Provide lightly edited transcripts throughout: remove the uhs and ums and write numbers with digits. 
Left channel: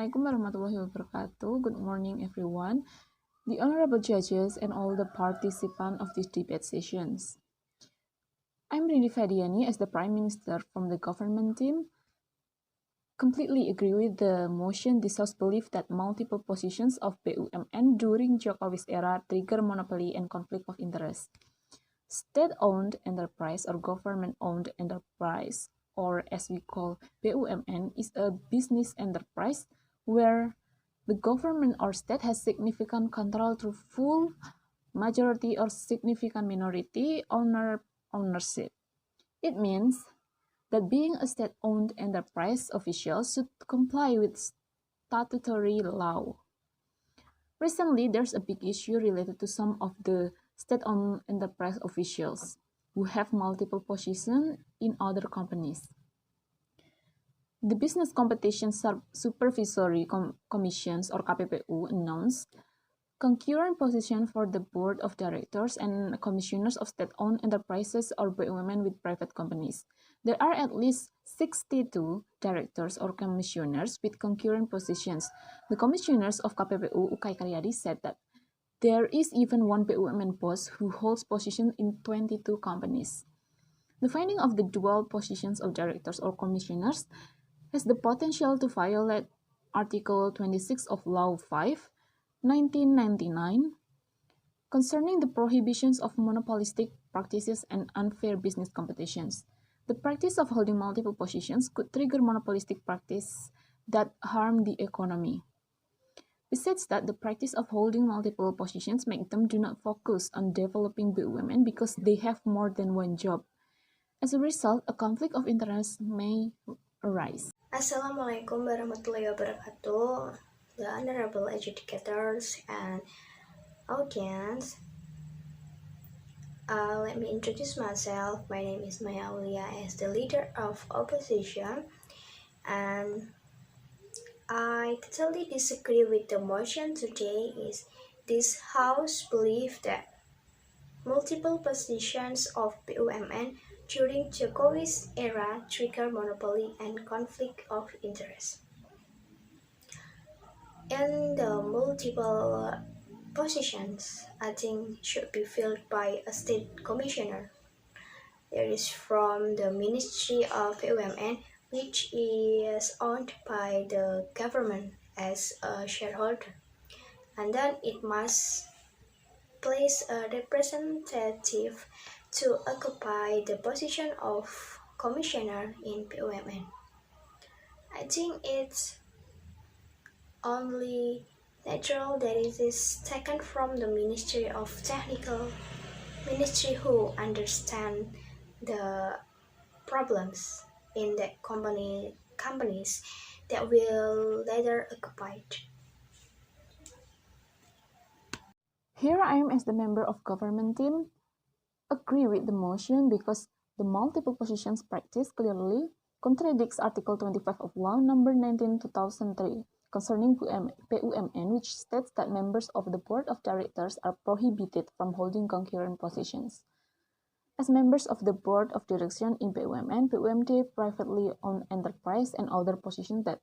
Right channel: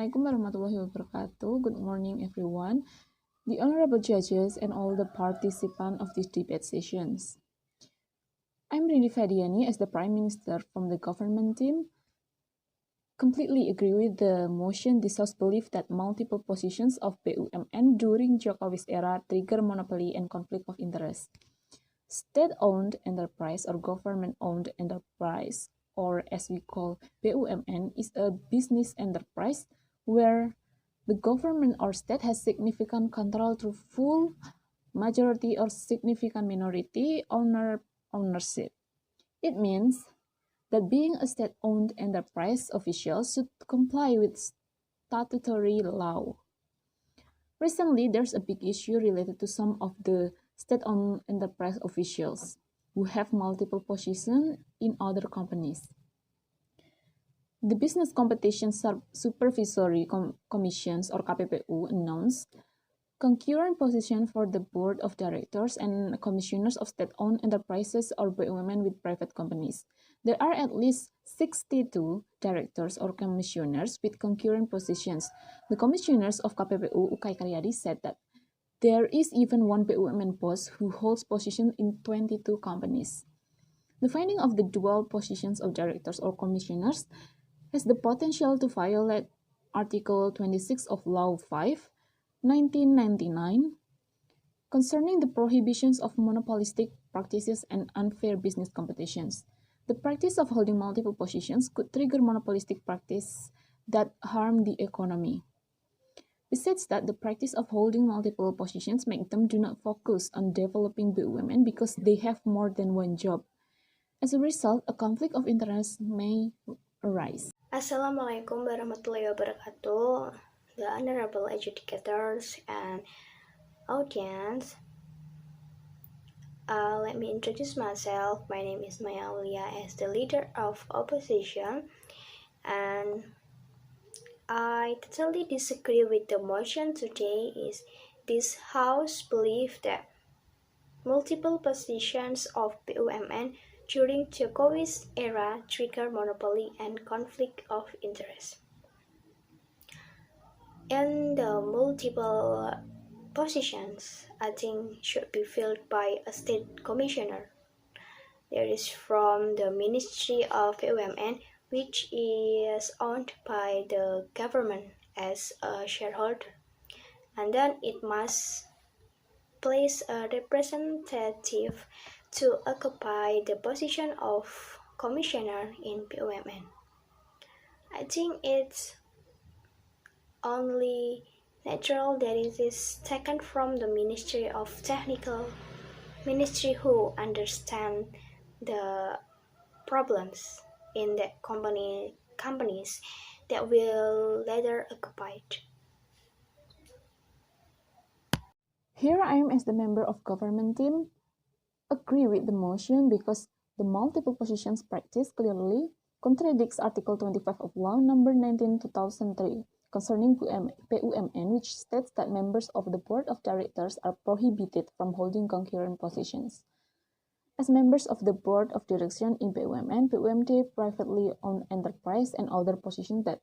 Assalamualaikum warahmatullahi wabarakatuh. Good morning, everyone, the honorable judges, and all the participants of this debate sessions. I'm Rindi Fediany as the Prime Minister from the government team. Completely agree with the motion. This House believes that multiple positions of BUMN during Jokowi's era trigger monopoly and conflict of interest. State-owned enterprise or government-owned enterprise, or as we call BUMN, is a business enterprise where the government or state has significant control through full, majority, or significant minority ownership. It means that being a state-owned enterprise, officials should comply with statutory law. Recently, there's a big issue related to some of the state-owned enterprise officials who have multiple positions in other companies. The Business Competition Supervisory Commissions, or KPPU, announced concurrent position for the board of directors and commissioners of state-owned enterprises or BUMN with private companies. There are at least 62 directors or commissioners with concurrent positions. The commissioners of KPPU, Ukay Karyadi, said that there is even one BUMN boss who holds position in 22 companies. The finding of the dual positions of directors or commissioners has the potential to violate Article 26 of Law 5, 1999, concerning the prohibitions of monopolistic practices and unfair business competitions. The practice of holding multiple positions could trigger monopolistic practice that harm the economy. Besides that, the practice of holding multiple positions make them do not focus on developing BUMN because they have more than one job. As a result, a conflict of interest may arise. Assalamualaikum warahmatullahi wabarakatuh, the honorable adjudicators and audience. Let me introduce myself. My name is Aulia as the leader of opposition, and I totally disagree with the motion today. Is this house believe that multiple positions of BUMN during Jokowi's era trigger monopoly and conflict of interest. And the multiple positions, I think, should be filled by a state commissioner. There is from the Ministry of BUMN, which is owned by the government as a shareholder. And then it must place a representative to occupy the position of commissioner in BUMN. I think it's only natural that it is taken from the Ministry of Technical Ministry who understand the problems in the companies that will later occupy it. Here I am as the member of government team agree with the motion because the multiple positions practice clearly contradicts Article 25 of Law Number 19/2003 concerning BUMN, which states that members of the board of directors are prohibited from holding concurrent positions. As members of the board of direction in BUMN, BUMD privately owned enterprise and other positions that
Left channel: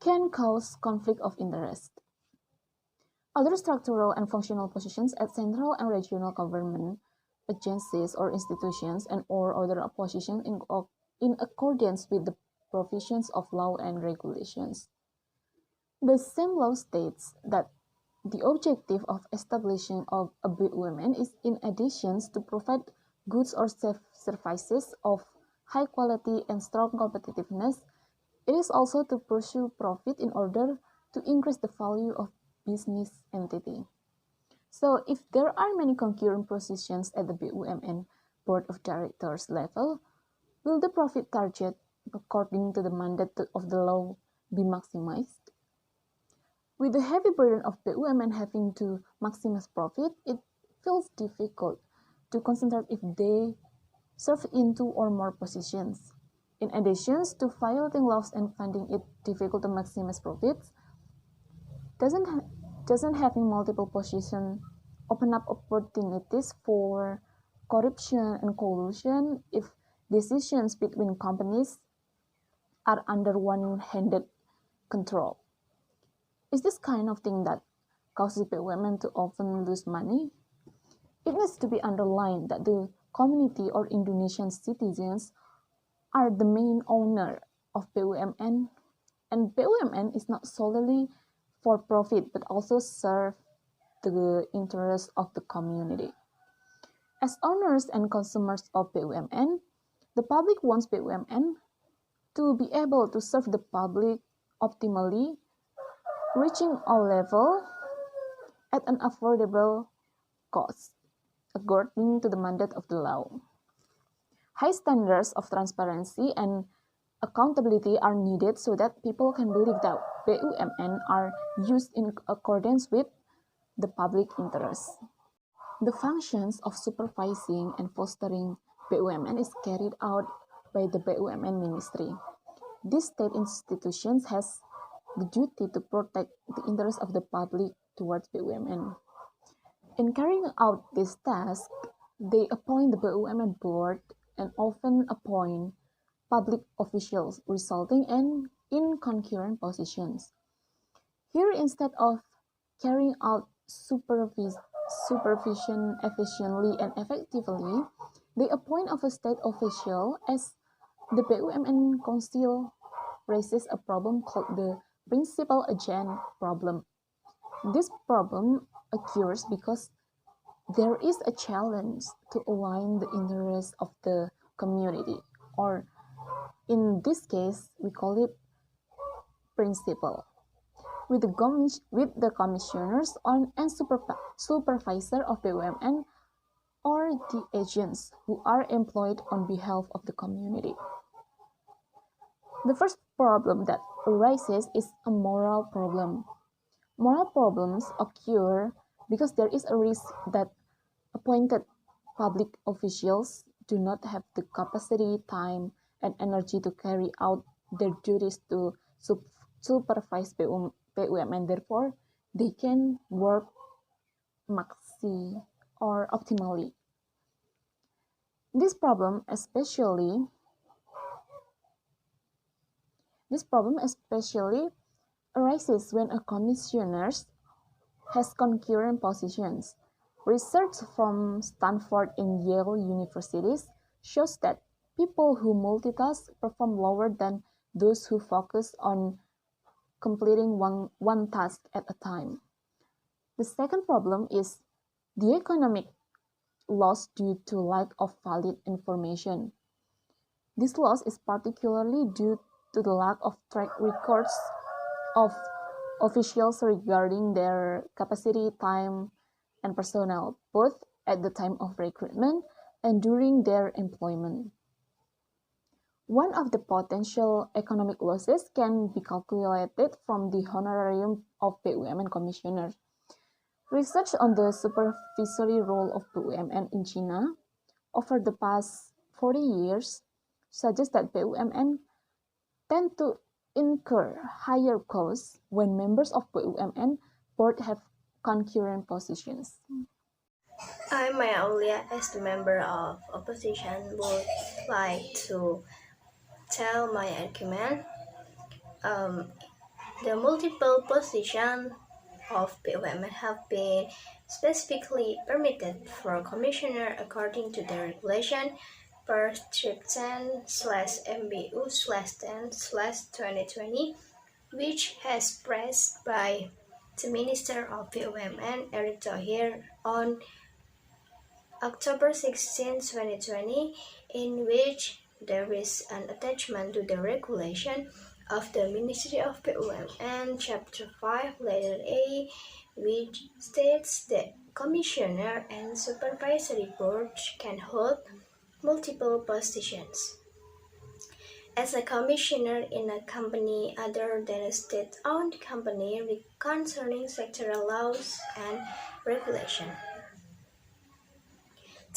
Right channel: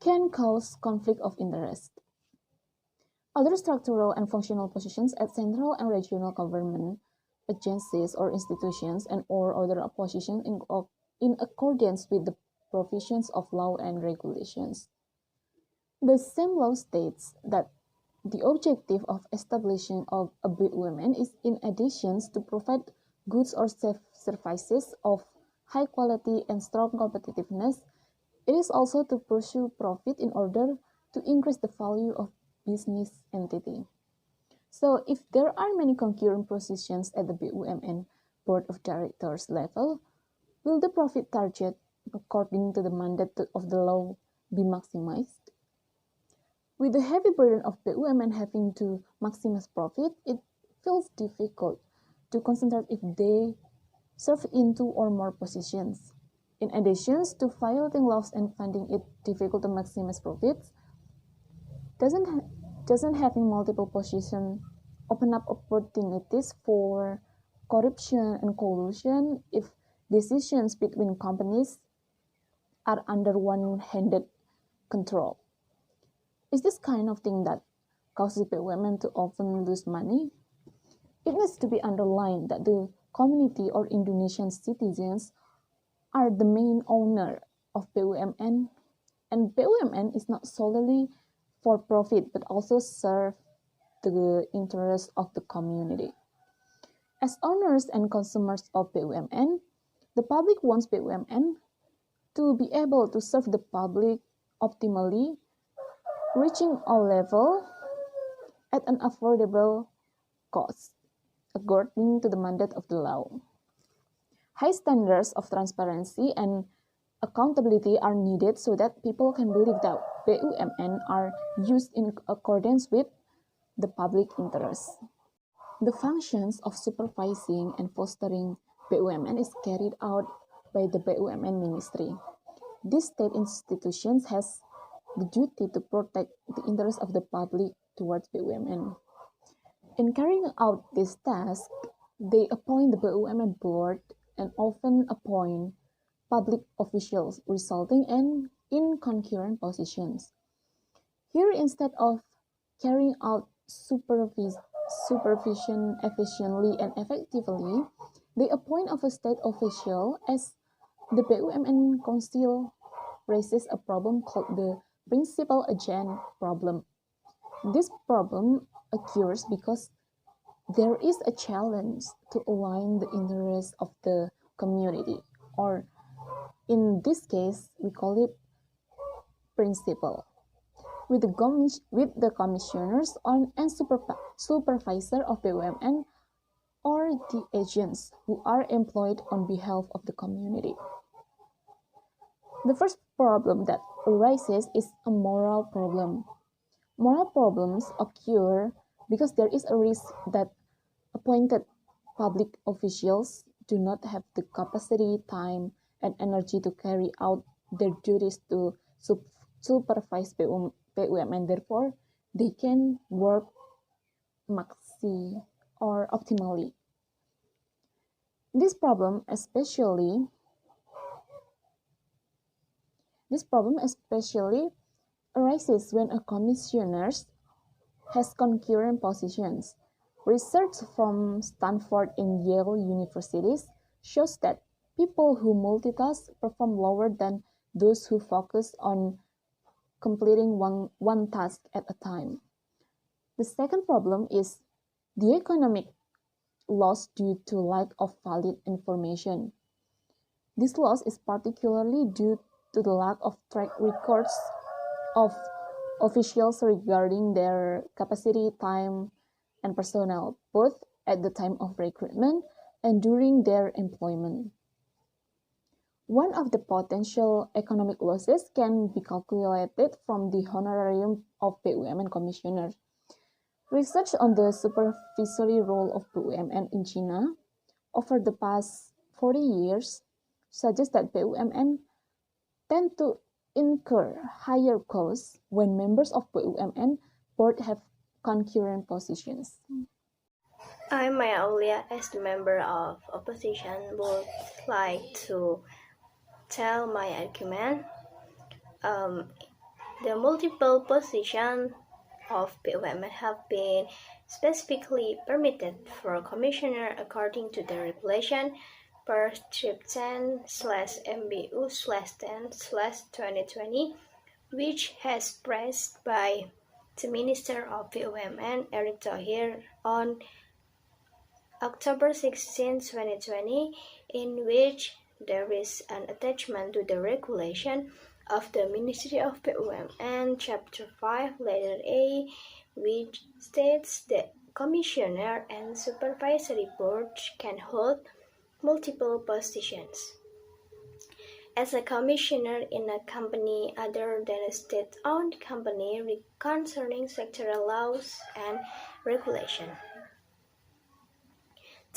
can cause conflict of interest. Other structural and functional positions at central and regional government agencies or institutions and or other positions in accordance with the provisions of law and regulations. The same law states that the objective of establishing of a BUMN is in addition to provide goods or services of high quality and strong competitiveness, it is also to pursue profit in order to increase the value of business entity. So if there are many concurrent positions at the BUMN board of directors level, will the profit target according to the mandate of the law be maximized? With the heavy burden of BUMN having to maximize profit, it feels difficult to concentrate if they serve in two or more positions. In addition to violating laws and finding it difficult to maximize profits, doesn't having multiple positions open up opportunities for corruption and collusion if decisions between companies are under one-handed control? Is this kind of thing that causes women to often lose money? It needs to be underlined that the community or Indonesian citizens are the main owner of BUMN, and BUMN is not solely for profit but also serve the interests of the community. As owners and consumers of BUMN, the public wants BUMN to be able to serve the public optimally, reaching all level at an affordable cost, according to the mandate of the law. High standards of transparency and accountability are needed so that people can believe that BUMN are used in accordance with the public interest. The functions of supervising and fostering BUMN is carried out by the BUMN Ministry. These state institutions has the duty to protect the interests of the public towards BUMN. In carrying out this task, they appoint the BUMN board and often appoint public officials, resulting in concurrent positions. Here, instead of carrying out supervision efficiently and effectively, they appoint of a state official as the BUMN Council raises a problem called the principal agent problem. This problem occurs because there is a challenge to align the interests of the community, or in this case, we call it principal, with the commissioners and supervisor of BUMN or the agents who are employed on behalf of the community. The first problem that arises is a moral problem. Moral problems occur because there is a risk that appointed public officials do not have the capacity, time, and energy to carry out their duties to supervise BUMN. Therefore, they can work maxi or optimally. This problem especially arises when a commissioner has concurrent positions. Research from Stanford and Yale universities shows that people who multitask perform lower than those who focus on completing one task at a time. The second problem is the economic loss due to lack of valid information. This loss is particularly due to the lack of track records of officials regarding their capacity, time, and personnel, both at the time of recruitment and during their employment. One of the potential economic losses can be calculated from the honorarium of BUMN commissioners. Research on the supervisory role of BUMN in China over the past 40 years suggests that BUMN tend to incur higher costs when members of BUMN board have concurrent positions. I, my Aulia, as the member of opposition, would like to tell my argument. Um, the multiple position of BUMN have been specifically permitted for commissioner according to the regulation per strip 10/MBU/10/2020, which has passed by the Minister of BUMN Eric Thohir on October 16, 2020, in which there is an attachment to the regulation of the Ministry of BUMN, Chapter 5, Letter A, which states that Commissioner and Supervisory Board can hold multiple positions. As a commissioner in a company other than a state-owned company concerning sectoral laws and regulation.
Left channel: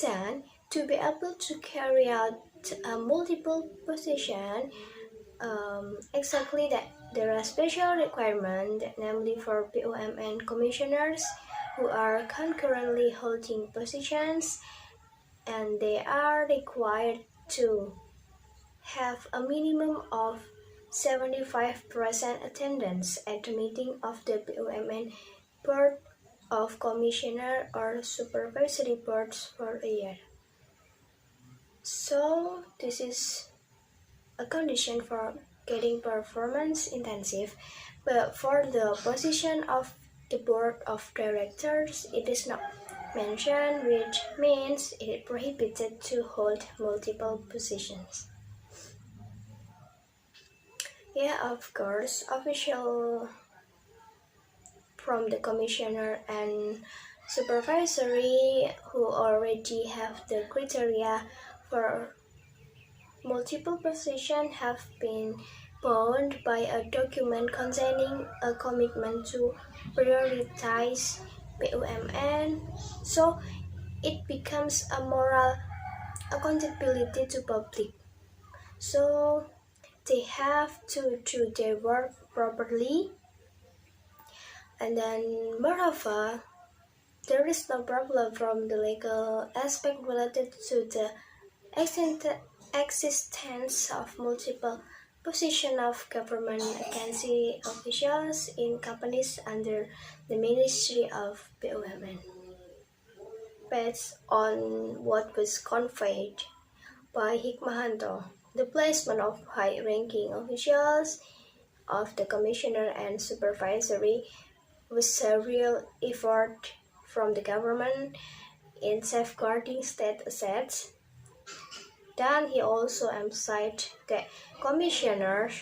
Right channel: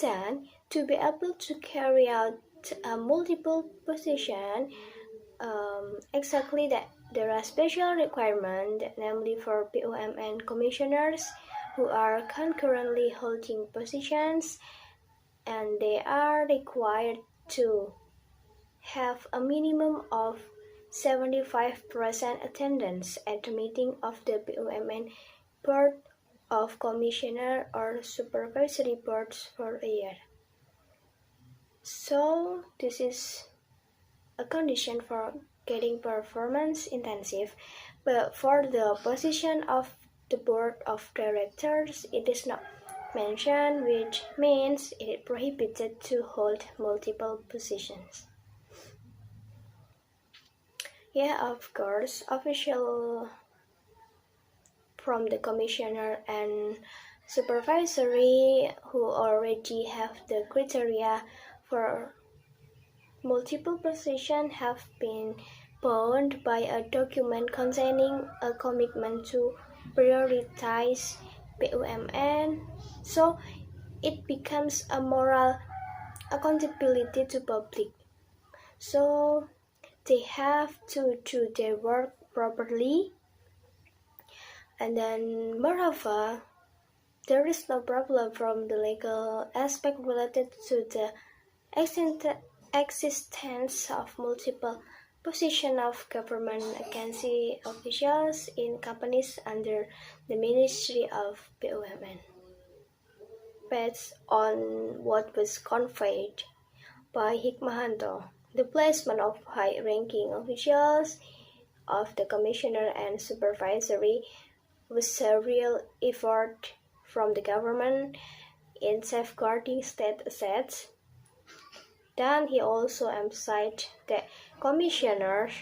Then, to be able to carry out a multiple position, exactly that there are special requirements, namely for BUMN commissioners who are concurrently holding positions, and they are required to have a minimum of 75% attendance at the meeting of the BUMN Board of Commissioner or Supervisory Boards for a year. So this is a condition for getting performance intensive, but for the position of the board of directors, it is not mentioned, which means it is prohibited to hold multiple positions. Yeah, of course, official from the commissioner and supervisory who already have the criteria for multiple positions have been bound by a document containing a commitment to prioritize BUMN, so it becomes a moral accountability to public. So they have to do their work properly, and then moreover, there is no problem from the legal aspect related to the existence of multiple positions of government agency officials in companies under the Ministry of BUMN. Based on what was conveyed by Hikmahanto, the placement of high-ranking officials of the commissioner and supervisory was a real effort from the government in safeguarding state assets. Then he also emphasized that commissioners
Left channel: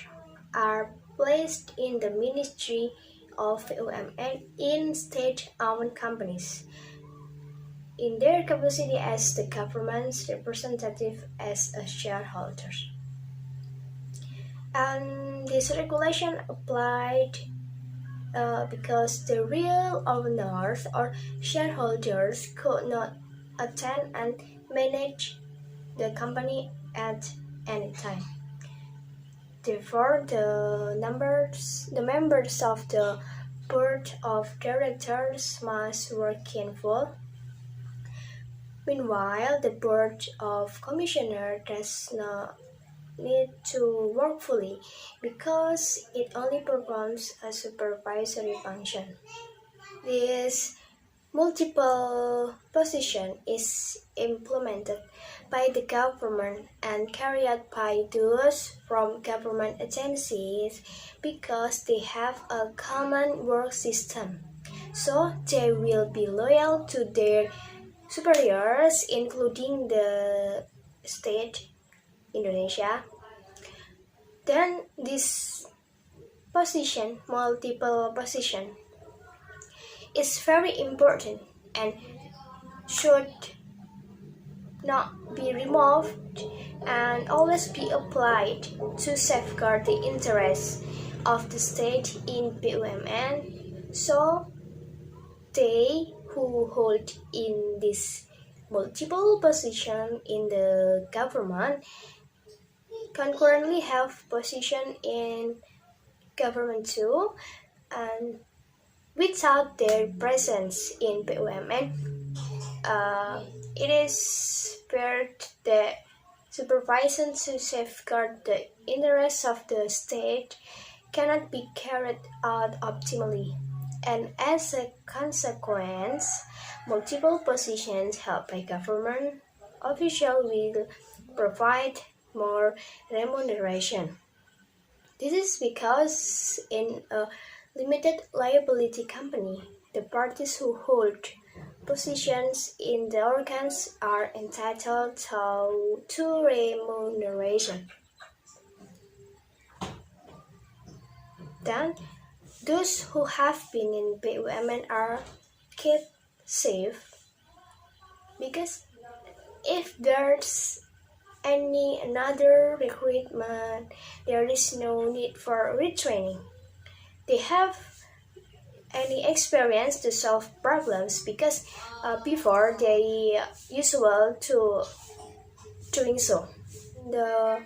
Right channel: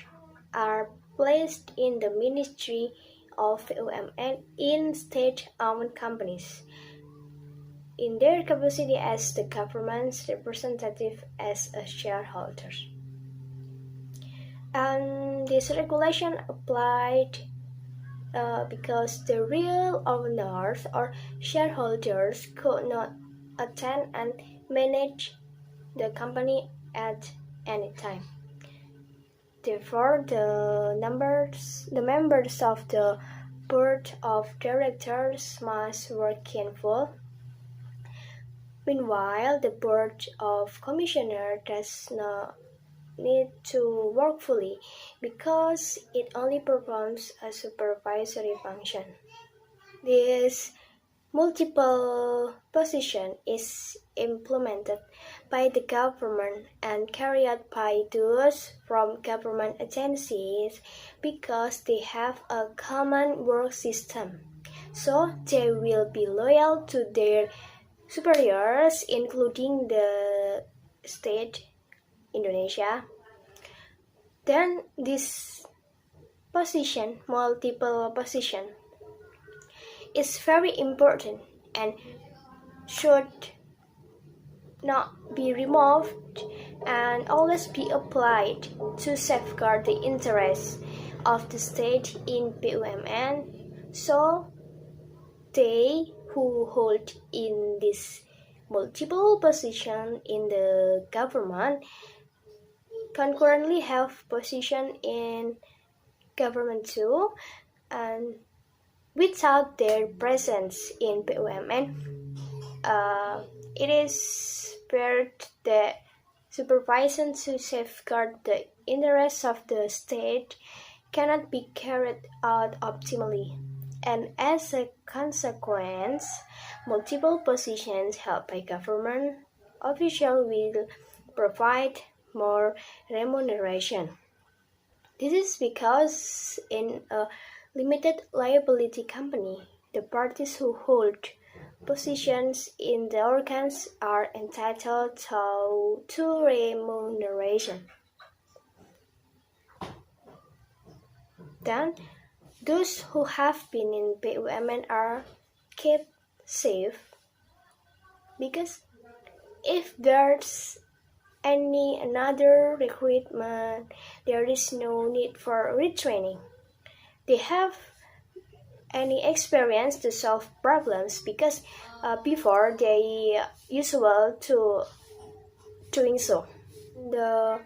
are placed in the Ministry of BUMN in state-owned companies in their capacity as the government's representative as a shareholder. And this regulation applied because the real owners or shareholders could not attend and manage the company at any time. Therefore, the members of the board of directors must work in full. Meanwhile, the board of commissioners does not need to work fully because it only performs a supervisory function. This multiple position is implemented by the government and carried out by those from government agencies because they have a common work system. So they will be loyal to their superiors, including the state Indonesia. Then this position, multiple position, is very important and should not be removed and always be applied to safeguard the interests of the state in BUMN. So they who hold in this multiple position in the government concurrently have position in government too, and without their presence in BUMN, it is spared the supervision to safeguard the interests of the state cannot be carried out optimally, and as a consequence, multiple positions held by government officials will provide more remuneration. This is because in a limited liability company, the parties who hold positions in the organs are entitled to remuneration. Then, those who have been in BUMN are kept safe because if there's another recruitment, there is no need for retraining. They have any experience to solve problems because before they usual to doing so. The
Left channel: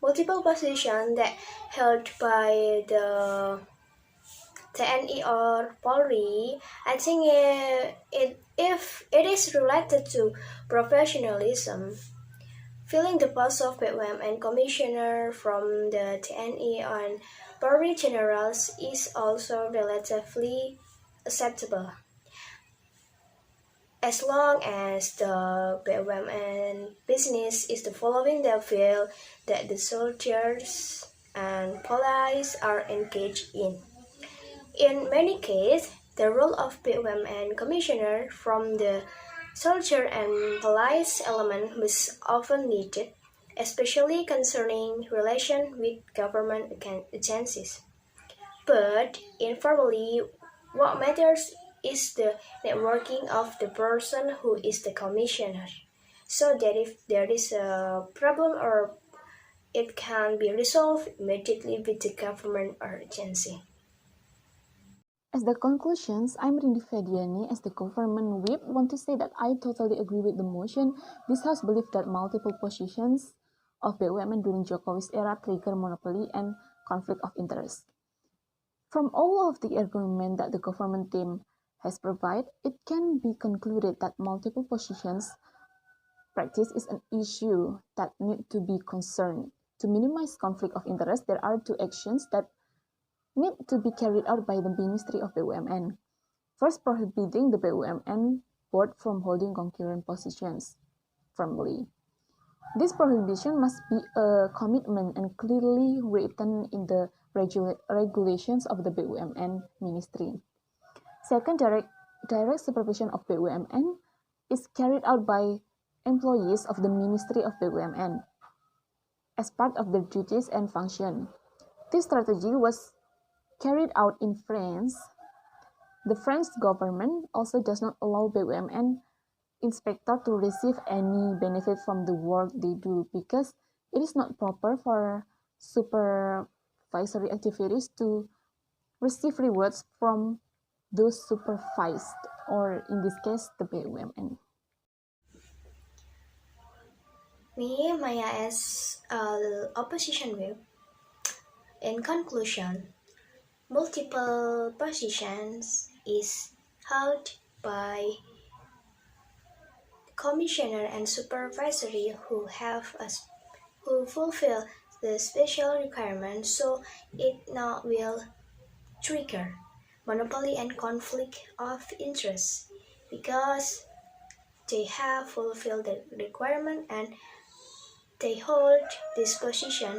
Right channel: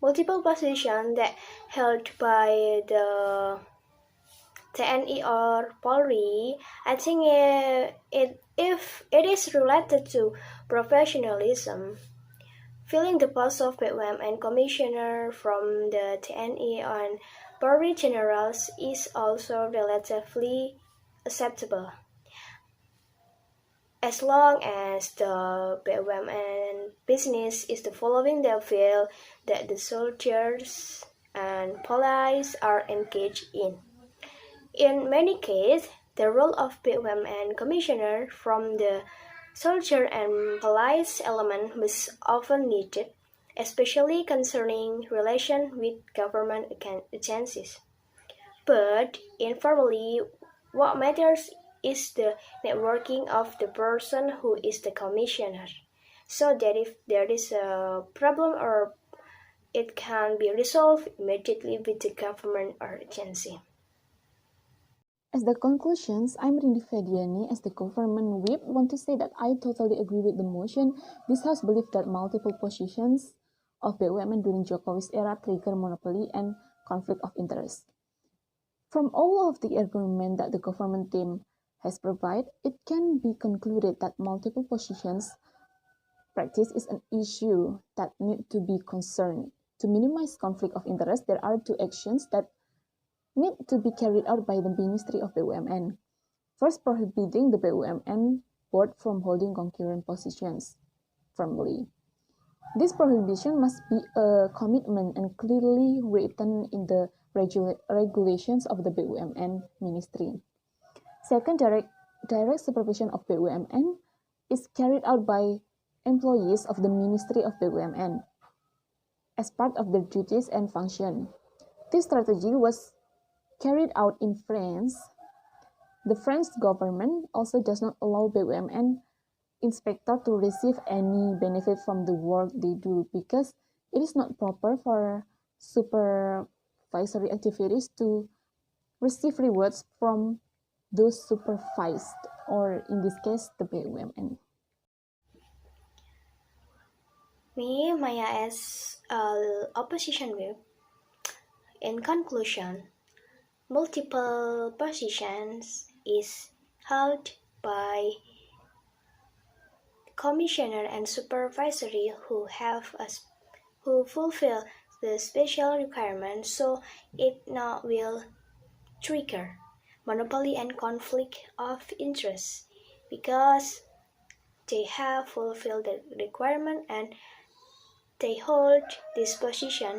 multiple position that held by the TNI or Polri, I think if it is related to professionalism, Filling the post of BUMN Commissioner from the TNI on Board Generals is also relatively acceptable, as long as the BUMN business is the following the field that the soldiers and police are engaged in. In many cases, the role of BUMN commissioner from the soldier and police element was often needed, especially concerning relation with government agencies. But informally, what matters is the networking of the person who is the commissioner, so that if there is a problem or it can be resolved immediately with the government or agency. As the conclusions, I'm Rindi Fediany. As the government whip, want to say that I totally agree with the motion. This House believes that multiple positions of BUMN during Jokowi's era trigger monopoly and conflict of interest. From all of the argument that the government team has provided, it can be concluded that multiple positions practice is an issue that need to be concerned. To minimize conflict of interest, there are two actions that need to be carried out by the Ministry of BUMN. First, prohibiting the BUMN board from holding concurrent positions firmly. This prohibition must be a commitment and clearly written in the regulations of the BUMN ministry. Second, direct supervision of BUMN is carried out by employees of the Ministry of BUMN as part of their duties and function. This strategy was carried out in France. The French government also does not allow BUMN inspector to receive any benefit from the work they do because it is not proper for supervisory activities to receive rewards from those supervised, or in this case, the BUMN. Me, Maya, as opposition view. In conclusion, multiple positions is held by commissioner and supervisory who fulfill the special requirements, so it not will trigger monopoly and conflict of interest because they have fulfilled the requirement and they hold this position.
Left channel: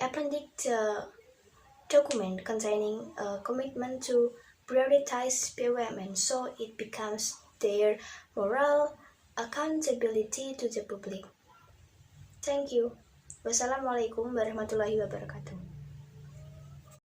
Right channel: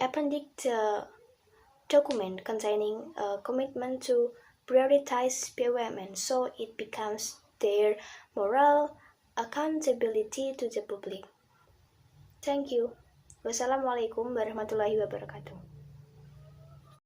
Appendix document containing a commitment to prioritize BUMN, so it becomes their moral accountability to the public. Thank you. Wassalamualaikum warahmatullahi wabarakatuh.